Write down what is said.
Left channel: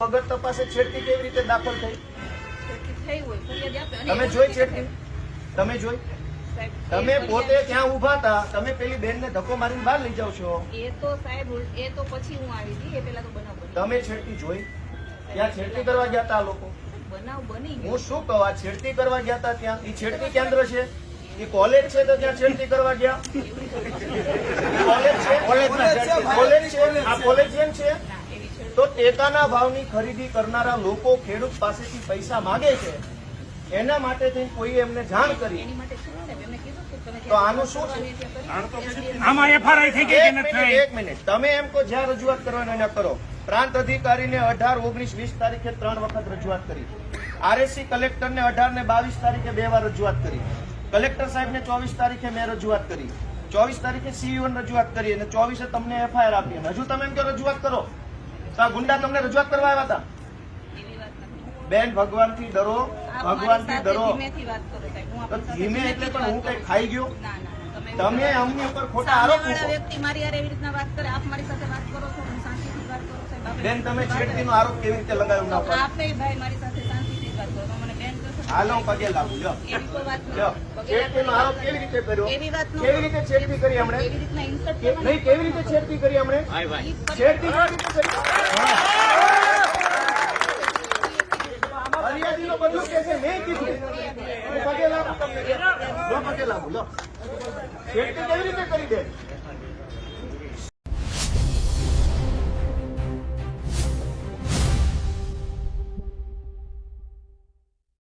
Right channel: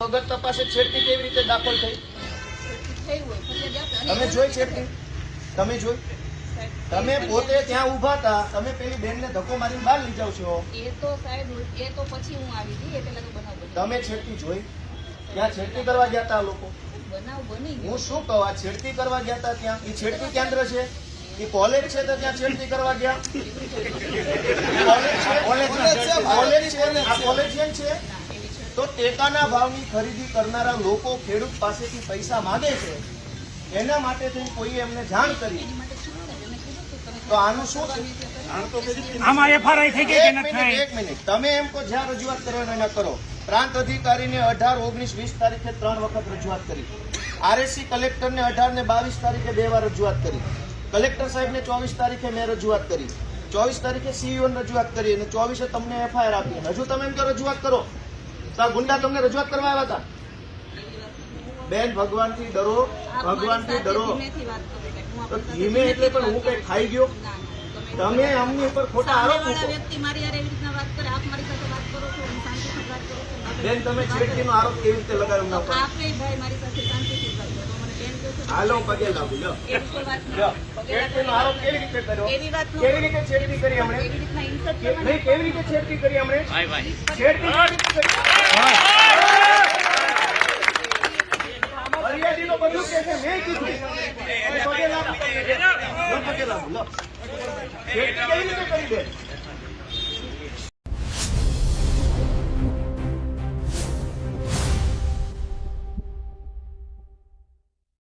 વગર તપાસે છેડતી કેવી રીતે દાખલ થઈ? તમે જોઈ છેડતી? તમે જોઈ? તમે પોતે ત્યાં ઉભા હતા, તમે પેલી બેનને ધક્કો મારીને બહાર લઈ જાવ છો. એ તો સાહેબ એ તો પછી હું આવી હતી, એ પેલા તો બનાવ બન્યો. તમે છેડતી જોઈ? ત્યાં છેડતી કરવા ગયા હતા લોકો? બનાવ બની. હું શું કહું, આ છેડતી કરવા ગયા હતા ત્યાં? એ છેડતી કેન્દ્ર છે? એ કોલેજ છે તો ત્યાં છેડતી કરવા ગયા? કોલેજ છે? કોલેજ છે? આ કોલેજિયન છે? તો ટેકાના ભાવની ખરીદી કરનારા લોકો ખેડૂત પાસેથી પૈસા માંગે છે, એના માટે થઈને કોઈ એમને જાણ કરી, તો આનું શું છે? એક મિનિટ, તમે એમ કહો જ્યાં રજૂઆત કરવાની ના કરો. પ્રાંત અધિકારીને 18, 19, 20 તારીખે 3 વખત રજૂઆત કરી. આરએસસી કલેક્ટરને 18 ને 22 તારીખે 2 વાર રજૂઆત કરી. કલેક્ટર સાહેબને 24 તારીખે મેં રજૂઆત કરી. 24 તારીખે સીઈઓને રજૂઆત કરી અને 24 તમને એફઆઈઆર આપી. હજુ તમે એમ કહો રજૂઆત કરો. ગુંડા તમને રજૂઆત કરવા આવ્યા હતા? બેન, ભગવાનથી ડરો, ભગવાનથી ડરો. તો ધીમે એટલે પણ હું કઈ ખાઈ ગયો? તમે અમને ઉપર ખોટા આરોપ મૂકો. બેન, તમે છેડતીનો આરોપ કેવી રીતે લગાવ્યો ના પર? હાલો, પગે લાગુ. લો, છેડતીનો આરોપ કેવી રીતે કર્યો? કેવી રીતે છેડતી કરી હમણે? નહીં, કેવી રીતે છેડતી કરી હમણે? છેડતી કેવી રીતે કરી? ફરિયાદીનો બધું કે છે, મેં કીધું. હું પગે લાગુ તમને. લો, પગે લાગુ. લો, છેડતી કેવી રીતે કરી? બેન,